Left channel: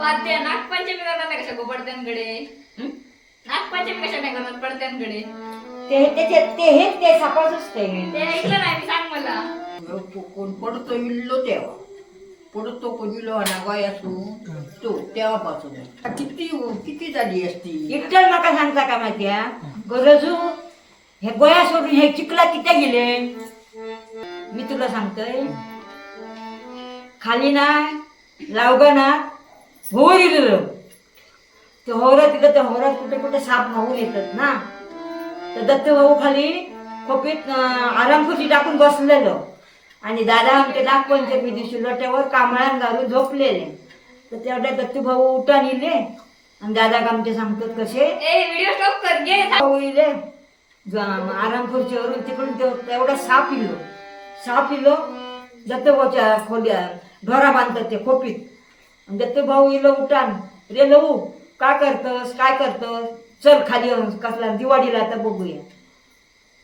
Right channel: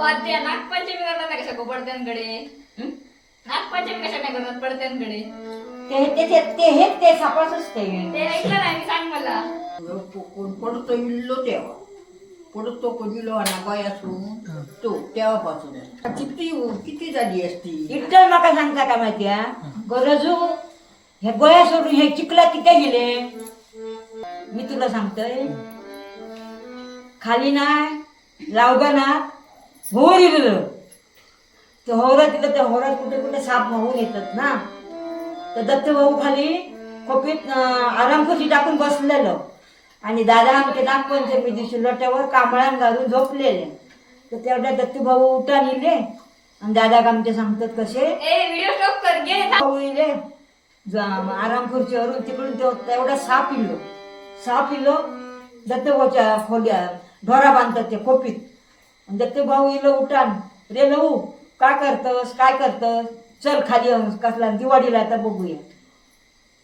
वाद्य नागपंचमी करतात ना कशा गोपडत्यांकडे हं? नागपंचमी कशा नाही करतात पडत्यांकडे ते ते ते हेच ते सापळच असते ते ऐकलं नाही सांग मला. कोण पडतो इल्लो तेव्हा. पडतो कोण इलो ना गोयासून तो तेव्हापासून किती किती झाली असती? इतकं माका सांगता का माहिती हा गरजू हे गोया सोडून हे चिखला किती गेले. मी तुला सांगतोय खाली नाही लावगा ना होर इलेलं ते होरा तिथं ते होरा कुठे कुठे साप वाहून येतात ना. तर दत्त भाऊ खाली खोपीत आरामखुशी टाकून बसलेलं. आणि दादा आमचे नागपंचमी दिवशी लोट्यावर कांबळान घालून झोपलेले. तर तेवढ्या दत्तू भाऊ उठान इले आणि दादा आमचे सांगतात कसे. भाऊ इले आराम खुर्चीवरून तिकडून तेवढा साप इलो साप इलो दत्तभाऊच्या खोल्या ढोरा बांधतात ते खोपीत. म्हणजे ते दत्तभाऊ इलं उठान रे लहू काय करतस? काय करतस? चल खाली कसला दिवाळीला आता बघूया.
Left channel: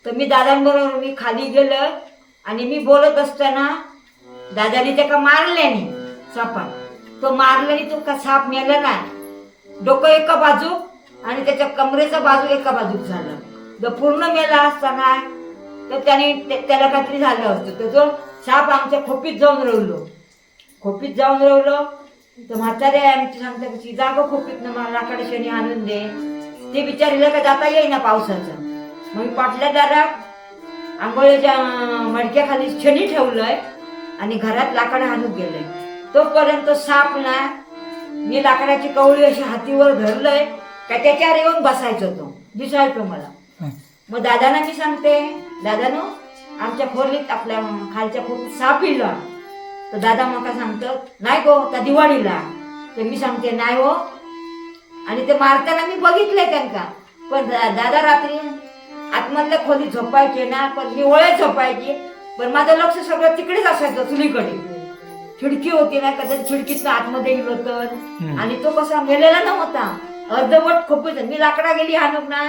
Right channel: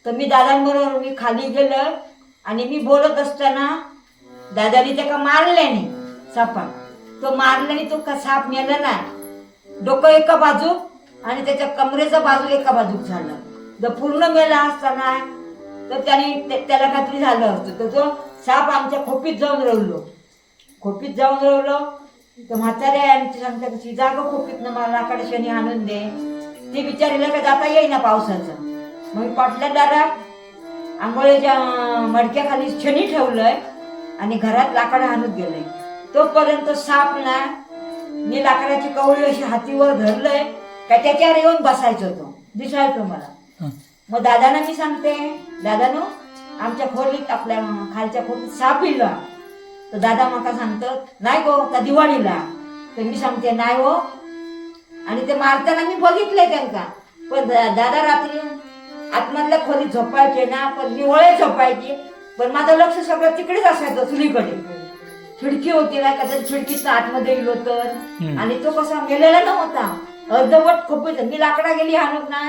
तर मी दादांबरोबर मी खाली गेलं आणि मी बोलत असताना दादाने त्याका मारल्याने सापा तो मारल्याने तो का साप मेला नाही. डोकं एका बाजू आणि त्याच्या कमरेचा बाजू एका बाजूक झालं. जर पूर्ण मेला असताना तर त्याने त्या- त्याला काहीतरी झालं असतं. तर तो साप आमच्या खोपीत जाऊन रवलो खोपीत जाऊन रवलो तर म्हातारे आमची सांगता कशी जाग खोपीत ना मला लाकडे शनी आणून दे. ते विचारलं का जाता येईना पावसाचं. मग पाटल्या दादा आंघोळीच्या मडक्याखाली शनी ठेवलंय आणि घरात लाकडं आणून गेलंय तोपर्यंत साप ना मी लाकडाची कवळी अशी हातीवर धरलंय का त्याच्यावर येऊन बसायचो तो दिसायचो मला. मग दादाना मी सांगते दादानो आमच्या खोलीत आपल्या खालच्या खोलीत साप इला. तर दादा मला सांगतात नाही गो त्या दिवाळीला? तर मी सांगते नाही हो. आणि ते मारताना मी बघितले त्यांना. पण दादा रात्री आतमधल्या खोलीत झोपायचे ना पण ओळे झोपायची. पण माझं लक्ष सगळं तिकडेच असायचं चुलीकडे. खिडकी होती ना कधी खिडकीत आतमध्ये गेलो तर आणि तो कसा मेलेला नव्हता. अर्धवट खोपीत मी लाकडा गेली हाणूक ना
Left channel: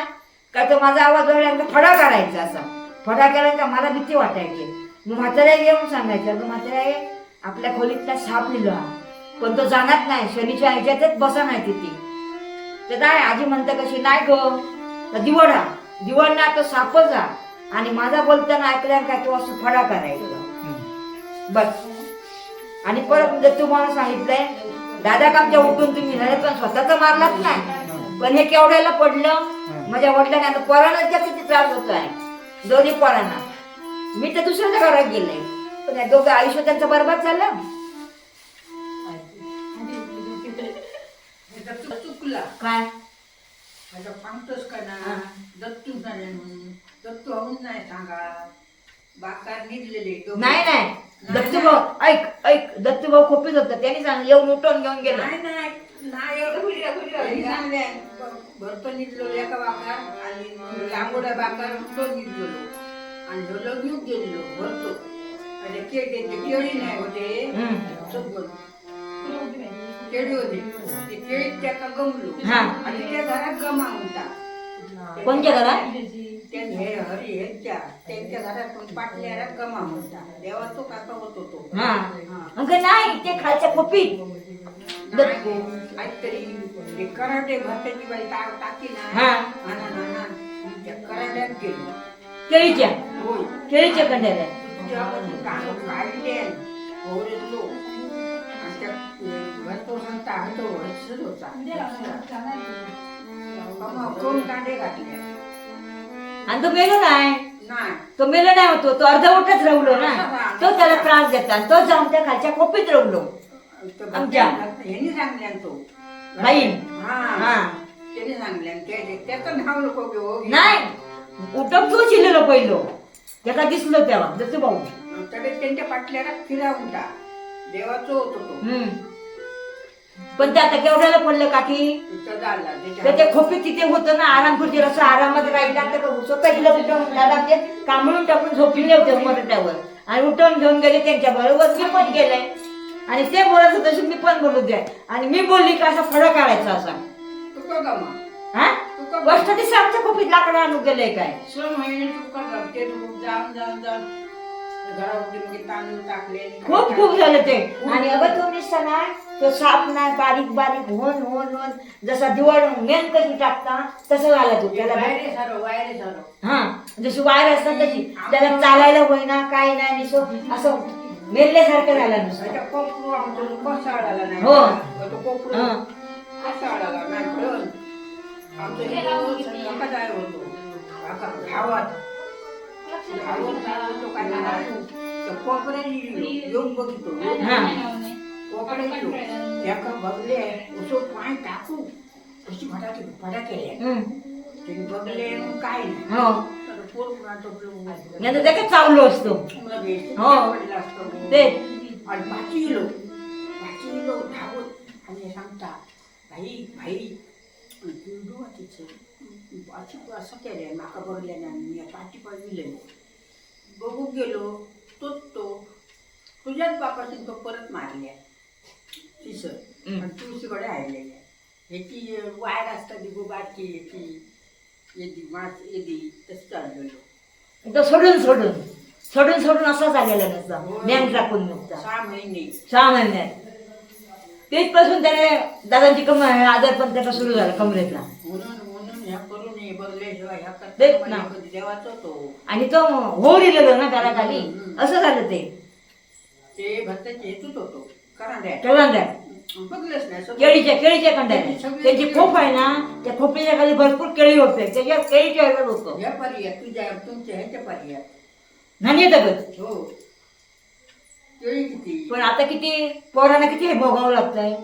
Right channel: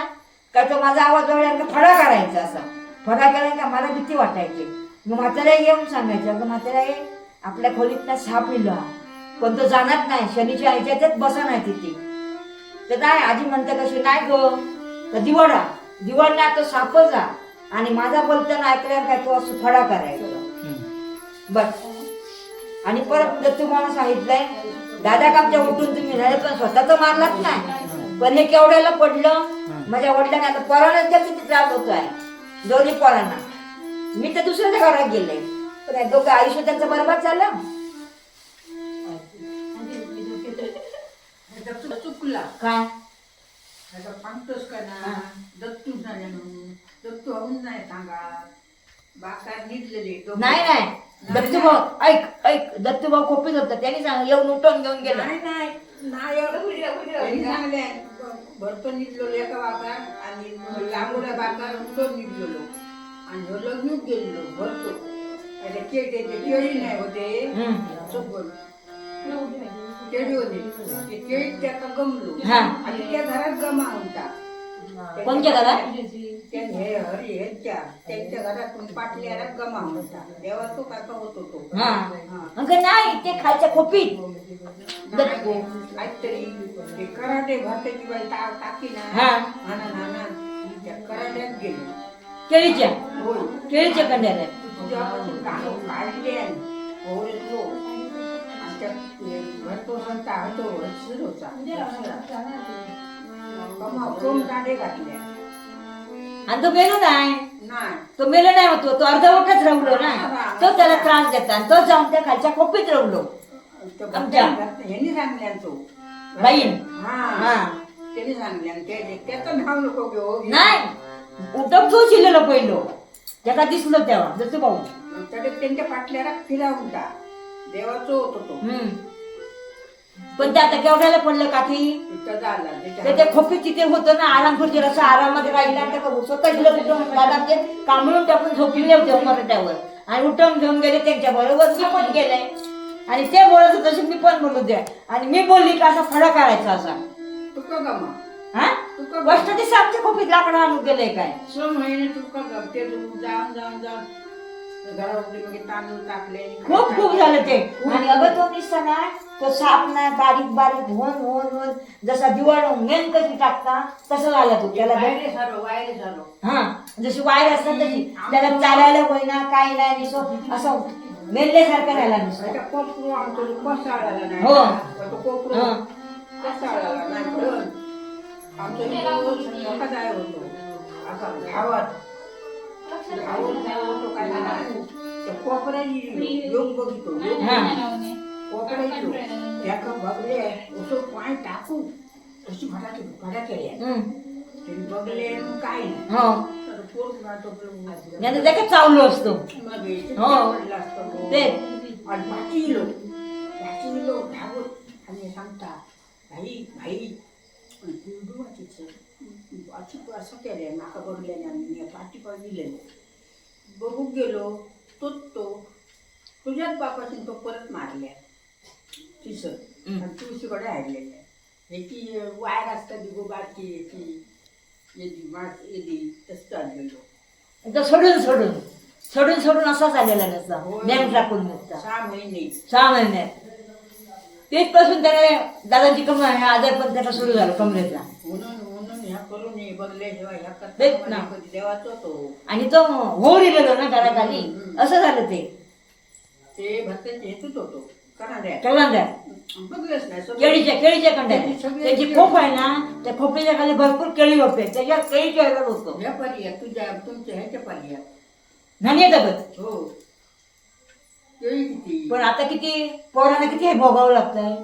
काय तर माझा आवाज वाढल्यानंतर फडा काढायचा असा. फडा केला का मला भीती वाटायची. मग म्हाताऱ्या येऊन सांगायचं म्हातारे आपल्या खोलीतला साप लिहिला पण तो जाणार नाही. शनीच्या ह्याच्यातच बसा नाही तिथे. तर नाही आजी म्हणते कशी नाही ग तर दिवडा दिवड ना तो साप जा. आणि माझा बोलताना ऐकल्या काय तो असं फडा करायचा? बस. आणि परत जर तुम्हाला सांगितलंय दादा कामच्या उठून तुम्ही झाले पण स्वतःच मारलाच नाही पण हे केवढ्याला पडलं माझ्या वडिलांनी आता पोरांना किती त्रास होतोय दोन्ही पोरांना. मी तर दुसऱ्याच्या घरात गेले. या दोघं आयुष्य त्यांचं बरबाद झालं. दत्तू चुकला काय? आता सांगतोस का ना. दत्तू झाले म्हणून दत्तू होऊन नाही सांगा बाकार निघलेले. नाही. नाही नाही, दत्तूभाऊ ऐक. ऐक दत्तूभाऊ खोपीत होता. त्यांनी सांग येऊन उठून घेऊन गेला. नाही नाही. नाही एवढं भरतो निघलो एका बाकार आणि लांबोड्या बाकार तो निघलेलो आणि ह्यो लगेच गेलेलो भरतो. केळी ते केळी नाही होते. हम्म. सगळं. केळी होती. ते केळी त्याका गमलो. हा. आणि त्या घरात गमा होता. कोणत्या घरात? त्या हे हरी ह्यांच्या त्यांच्या घरातून पाटल्या गमा होता. देवा तो काका होतो तो. हा. अगं नाही ते खालच्या खोपीत. नाही. गो, काहीतरी ते कराटे भाताची बाई टा- टाकी ना. हा. हा ना, ना, ना. त्या कराट्यात गेलो. केळीच्या. होय. केळीच्या कंड्याला काढले आणि तो मेलो नाही नाही तो मेलो नाही होतो तो अर्धवटच रवलो ना तो त्याला त्रास देता आणि तो जाऊन त्या खालच्या खोपीत रवलो ते आमच्या. ह्यांनी सांगल्या तो त्यांनी सांगल्या ते त्याचं नाव नको घेऊ नाही उठप जो शिरलेलो पहिलो त्याला दिसलो तेव्हा जसं भाऊ. तरी त्यांच्या पाटल्याला फिरावून टाक देवाचं होतो तो. हम्म. पण ते आता केवढ्याला पडलं काठी तो झाला तर त्याच्या ते खोपीत तिथे होतं ना आराम खुर्चीवर असं आरामात राहिला आणि ते स्वतः गेलं तिथं दादा ते कांबळून टाकून झोपलेले होते मराठ्यावर आणि उठवून घेऊन गेले त्यांच्या बरोबर मी पण गेले. आणि ते बोलत होते तशी मी पण बोलू द्या. आणि मी बोलली का असा फळा काढायचा असा. तुका गमा हा? तुका ती सापच्या खोपीत लाकडं आणून गेलंय काय? सहा महिने तुका गमते तू. जाऊन जाऊन जाऊन. घरामध्ये मग तांदूळ टाकले. आणि काय खूप खूप झालं ते. आणि अगं तो निसता ना तो साप नाही बारीक बारीक होऊन होऊन होऊन जसा दिवाळ मेन कशी टाकता तसं झाला तो. त्याला बघ. वायरे सारो वायरे सारो हा जशी वायर असतात तशी. त्याला चालायला होईना काय नाही निसो असं मेल्यासारखं राहिला नुसतं. कोपरू आमचं कोसाळाला नाही हो. कोपरू हा. कोसाळाला नाही घडण आमचं इथं मोठा जाय होतो आता गावात गावात जाय होतो काय नाही. त्या कोपऱ्याची योग बघतो हा. कोपऱ्याची एका बघले उसो पाय टाकू अशी फटाके फटाके हम्म. त्यांनी बघले मग काय नाही हो तर पोर पुन्हा टोपलं मग नाही तर ते चावलो असतो लगेच हो. पडलं असतं. ते आणि पाचवी किलो पाचवी किलो धावत आणि सांगता भाई भाई तिचं अशी असं केलं माका बघले ना मी पाठी पाहिजे बघू गेलो तोच तो तुझ्याच बापाशी तो परत मारल्या. तिसं. आणि तुळशीकडे हाडलेलं ह्याची वायर असतात गोबाची याची येदी मास येदी तसं चाललेलो. तो सोडून सोडून. सोडून सोडून असाच आलेला नसता. मॅन टाकून नसता. सहा महिने. सहा महिन्यात तेचपासून त्याने दादांची कम आजार पण त्याचा सुरू झाला म्हणून म्हणून ह्या करू नये बघल्याशिवाय ह्या तेच ना. देवाचा तो आणि तो हो दिलेलो ना हम्म. असं झालं ते. ते भक्ताचे हेतूच होतो. बघलंच नाही सगळं. केळीच्या केळीच्या सगळे- त्यांची खोप आहे ना त्या खोपीच्या खाली भरपूर केळी होते. त्याच्या केळीच्या ह्याच्यात होतो. या तुझ्या तुमच्या ह्याच्या पर्याय धान्य दगत हो. किती? पण आता किती? पोरांना किती हे भोगावं लागतंय?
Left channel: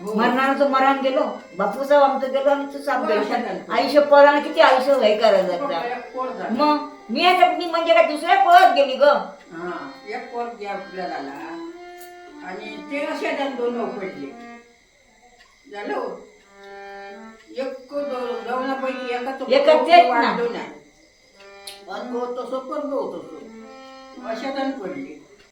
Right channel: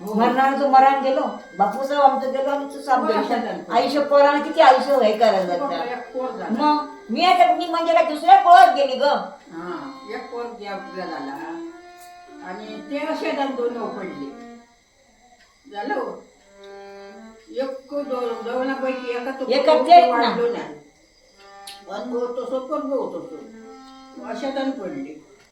हो. मरणार तो मरण गेलो बापूचा आमचं गेलो आणि तू हो, गेलो. आयुष्य पोरांना किती आयुष्य हे करायला लागतं? एक पोर झाला. मग मी आता मी म्हणजे काय दुसऱ्या पळत गेली ग. हा एक पोर घ्या आपल्या झाला आणि ते असे दोन पडले. झालं हो. एक दो- दोनापैकी एका तो एका तेच ना. वाढलो नाही. अनुभव तसो कर्म होतो तो अशा पडले.